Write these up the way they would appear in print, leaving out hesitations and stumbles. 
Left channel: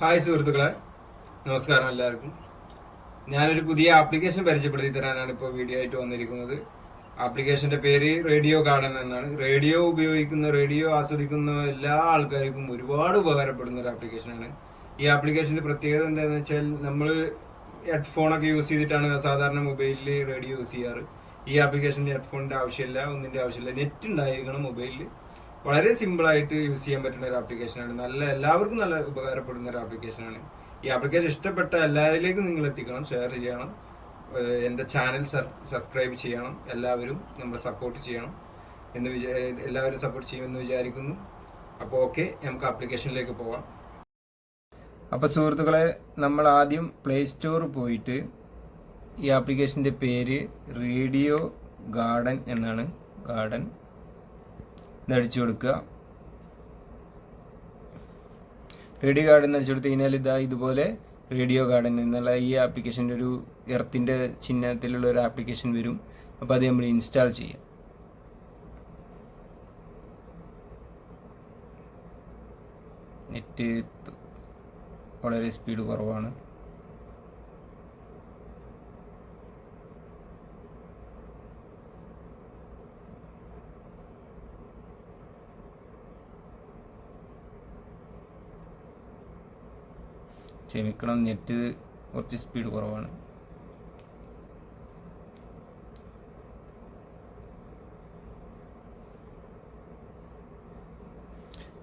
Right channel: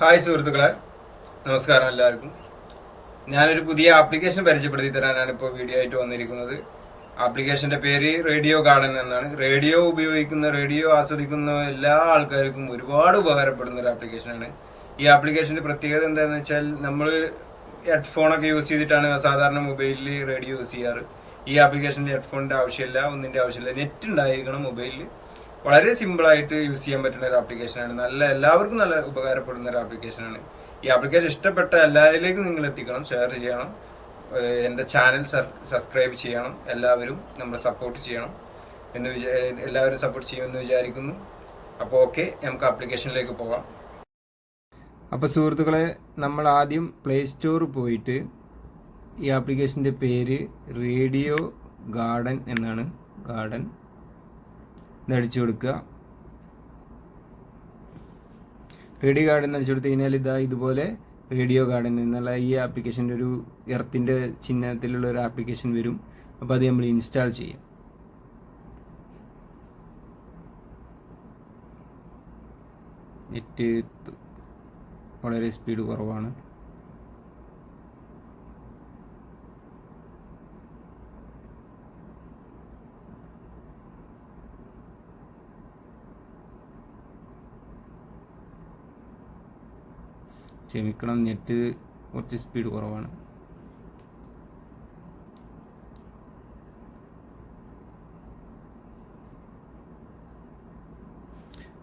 Hi സുഹൃത്തുക്കളെ, നമസ്കാരം എല്ലാവർക്കും. ഞാനൊരു പുതിയ ആപ്ലിക്കേഷൻ പരിചയപ്പെടുത്തി തരാനാണ് ഇപ്പോൾ വീഡിയോ ആയിട്ട് വന്നിരിക്കുന്നത്. ആപ്ലിക്കേഷന്റെ പേര് റേഡിയോ ഗാർഡൻ എന്നാണ്. റേഡിയോ ആസ്വദിക്കുന്ന എല്ലാ ആൾക്കാർക്കും ഒരുപാട് ഉപകാരപ്പെടുന്ന ഒരു ആപ്ലിക്കേഷനാണ്. ഈ ആപ്ലിക്കേഷന്റെ പ്രത്യേകത എന്താണെന്ന് വെച്ചാൽ, നമ്മൾ ഹെഡ്ഫോണൊക്കെ യൂസ് ചെയ്തിട്ടാണ് സാധാരണ മൊബൈലിൽ റേഡിയോ യൂസ് ചെയ്യാറ്. ഈ ആപ്ലിക്കേഷനിൽ ഹെഡ്ഫോണിന്റെ ആവശ്യമില്ല, ഒന്നിന്റെ ആവശ്യമില്ല. നെറ്റ് ഉണ്ടായിരിക്കണം മൊബൈലിൽ. വളരെ സിമ്പിളായിട്ട് യൂസ് ചെയ്യാൻ പറ്റുന്ന ഒരു ആപ്ലിക്കേഷനാണ്. എല്ലാവർക്കും നല്ല ഉപകാരപ്പെടുന്ന ഒരു ആപ്ലിക്കേഷനാണ്. ഈ ആപ്ലിക്കേഷൻ ഇഷ്ടപ്പെട്ട എല്ലാവരിലേക്കും നിങ്ങൾ എത്തിക്കണം, ഷെയർ ചെയ്യണം, എൻ്റെ ചാനൽ സബ്സ്ക്രൈബ് ചെയ്യണം. എല്ലാവരും നമ്മളെ സപ്പോർട്ട് ചെയ്യണം എല്ലാവരും സപ്പോർട്ട് ചെയ്യുമെന്ന് വിചാരിക്കുന്നു. അപ്പോൾ ഓക്കെ, നമുക്ക് ആപ്ലിക്കേഷനിലേക്ക് പോകാം. അപ്പോൾ സുഹൃത്തുക്കളെ, നമ്മൾ ആദ്യം പ്ലേ സ്റ്റോർ പോയിട്ട് ഈ ആപ്ലിക്കേഷൻ്റെ പേര് റേഡിയോ ഗാർഡൻ എന്നാണ്. ഗാർഡൻ അടിച്ചു കൊടുക്കുക. റേഡിയോ ഗാർഡൻ അടിച്ചു കൊടുത്തു കഴിഞ്ഞാൽ ഇതുപോലെ റേഡിയോ ഗാർഡൻ എന്നുള്ള ഈ ആപ്ലിക്കേഷൻ്റെ ഒരു എർത്തിൻ്റെ ചിഹ്നത്തിലുള്ള ഒരു ആപ്ലിക്കേഷൻ വരും. അപ്പോൾ അത് നമ്മൾ ഇൻസ്റ്റാൾ ചെയ്യാം. നെറ്റ് വളരെ സ്പീഡ് കുറവാണ്. ക്ഷമിക്കണം, നെറ്റ് കുറച്ച് സ്പീഡ് കുറവാണ്.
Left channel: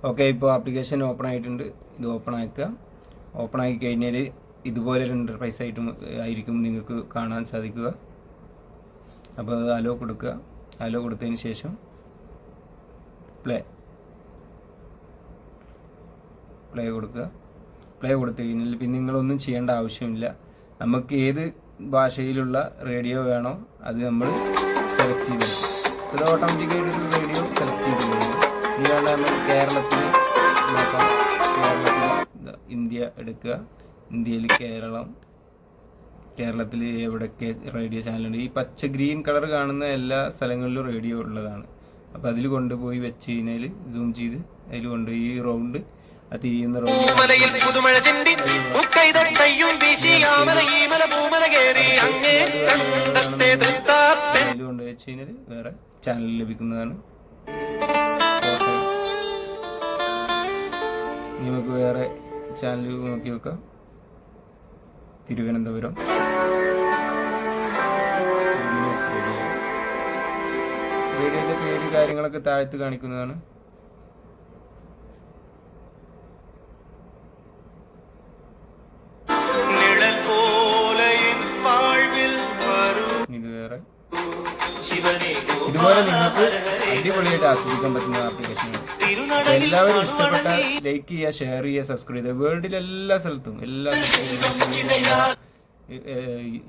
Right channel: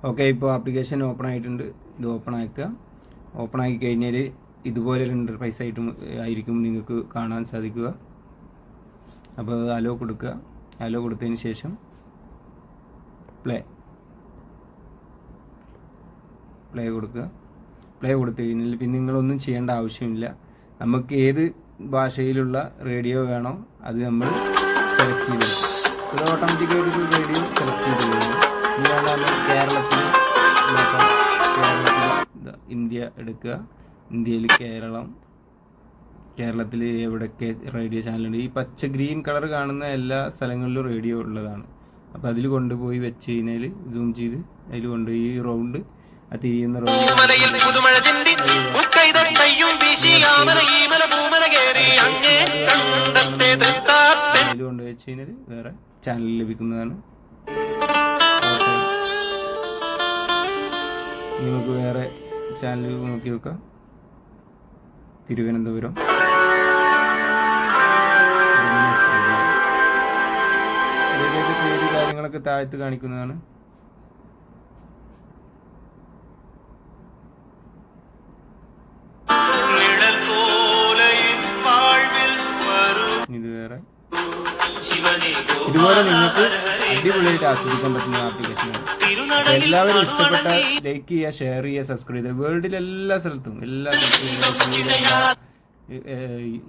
ഓക്കെ, ഇപ്പോൾ ആപ്ലിക്കേഷൻ ഓപ്പൺ ആയിട്ടുണ്ട്. ഇത് ഓപ്പൺ ആക്കുക. ഓപ്പൺ ആക്കി കഴിഞ്ഞാൽ ഇതുപോലെ ഒരു ഇൻ്റർഫേസ് ആയിരിക്കും നിങ്ങൾക്ക് കാണാൻ സാധിക്കുക. അപ്പോൾ അത് അലോ കൊടുക്കുക. അലോ കൊടുത്തതിന് ശേഷം പ്ലേ കൊടുക്കുക. പ്ലേ കൊടുത്തു കഴിഞ്ഞാൽ പിന്നെ നിങ്ങളൊന്നും ചെയ്യേണ്ട ആവശ്യമില്ല. നമുക്ക് ഏത് ഭാഷയിലുള്ള റേഡിയോ വേണോ അത് നമ്മൾ സെലക്ട് ചെയ്തെടുക്കും. ഇത് ഓട്ടോമാറ്റിക്കായിട്ടൊരു റേഡിയോ സെലക്ട് ചെയ്ത് കഴിഞ്ഞു. ഇതാണ് നമ്മൾ കേരളത്തിൽ നോക്കാം. ഇന്ത്യ എടുക്കുക. ഇന്ത്യയിൽ കേരളത്തിൽ എവിടെയൊക്കെ റേഡിയോ ചാനലുണ്ട്. ഈ പച്ച ഗ്രീൻ കളർ കാണുന്ന എല്ലാ സ്ഥലങ്ങളിലും റേഡിയോ ഉള്ളതാണ്. അപ്പോൾ അതിൽ കൊണ്ടുപോയി വെച്ച് കഴിഞ്ഞാൽ സൂം ചെയ്ത് അതിൽ കൊണ്ടുപോയി ഈ റൗണ്ട് തിരിയുന്ന കൊണ്ടുവച്ച് കഴിഞ്ഞാൽ വേറെ ചാനൽ ലഭിക്കുന്നതാണ്. നമുക്ക് വേറെ ചാനൽ നോക്കി വെക്കാം. തിരുവനന്തപുരം റേഡിയോയുടെ പേര് കാര്യങ്ങളൊക്കെ താഴത്ത് കാണിക്കുന്നതാണ്. ഇത് വേറെ. ഇതുപോലെ നിങ്ങൾക്ക് അടിപൊളിയായിട്ട് ആസ്വദിക്കാൻ പറ്റുന്ന ആപ്ലിക്കേഷനാണ്. എല്ലാവരും ഇഷ്ടപ്പെട്ട ലൈക്ക് ചെയ്യുക, ഷെയർ ചെയ്യുക, സബ്സ്ക്രൈബ് ചെയ്യുക. വേൾഡിലെ എല്ലാ സ്ഥലത്തും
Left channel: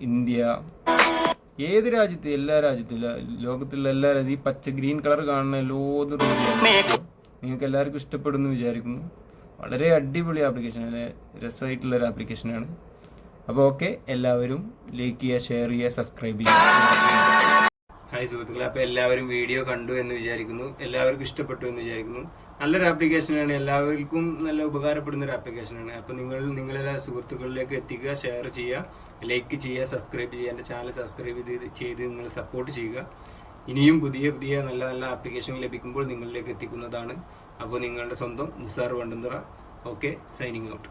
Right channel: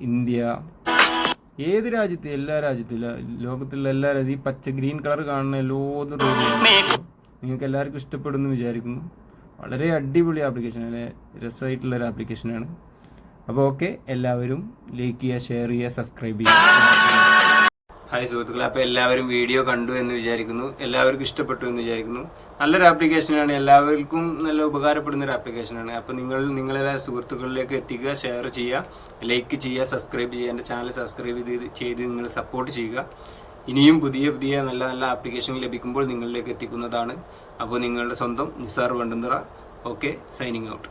ഇന്ത്യ, ഏത് രാജ്യത്തും എല്ലാ രാജ്യത്തും ലോകത്തിലുള്ള എല്ലാ രാജ്യത്തും ഈ പച്ച ഗ്രീൻ കളർ കാണുന്ന എല്ലാതും നിങ്ങൾക്ക് എല്ലാവർക്കും ഇഷ്ടപ്പെടുന്നു വിചാരിക്കുന്നു. വളരെ അടിപൊളി ആപ്ലിക്കേഷൻ, രസമായിട്ടുള്ളൊരു ആപ്ലിക്കേഷനാണ്. അപ്പോൾ ഓക്കെ, എല്ലാവരും ലൈക്ക് ചെയ്യുക, ഷെയർ ചെയ്യുക, സബ്സ്ക്രൈബ് ചെയ്യുക. ഹായ് സുഹൃത്തുക്കളെ, അപ്പോൾ എല്ലാവരും വീഡിയോ കണ്ടു എന്ന് വിചാരിക്കുന്നു. എല്ലാവർക്കും ഇഷ്ടപ്പെട്ടു എന്ന് വിചാരിക്കുന്നു. നല്ലൊരു ആപ്ലിക്കേഷനാണ്, എല്ലാവർക്കും നല്ല ഉപകാരപ്പെടുന്ന ഒരു ആപ്ലിക്കേഷനാണ്. അപ്പോൾ നിങ്ങളെ സുഹൃത്തുക്കളിലേക്ക് എത്തിക്കുക, ഷെയർ ചെയ്യുക, ലൈക്ക് ചെയ്യുക, സബ്സ്ക്രൈബ് ചെയ്യുക. എൻ്റെ ചാനൽ സബ്സ്ക്രൈബ് ചെയ്ത് നിങ്ങൾ സപ്പോർട്ട് ചെയ്യുക. ഇനിയും പുതിയ നല്ല ആപ്ലിക്കേഷൻ ലഭിക്കുമ്പോൾ നിങ്ങളിലേക്ക് എത്തിക്കുന്നതാണ്. അപ്പോൾ നിങ്ങളുടെ സ്വന്തം Nisar Vandanthara. Okay, signing out.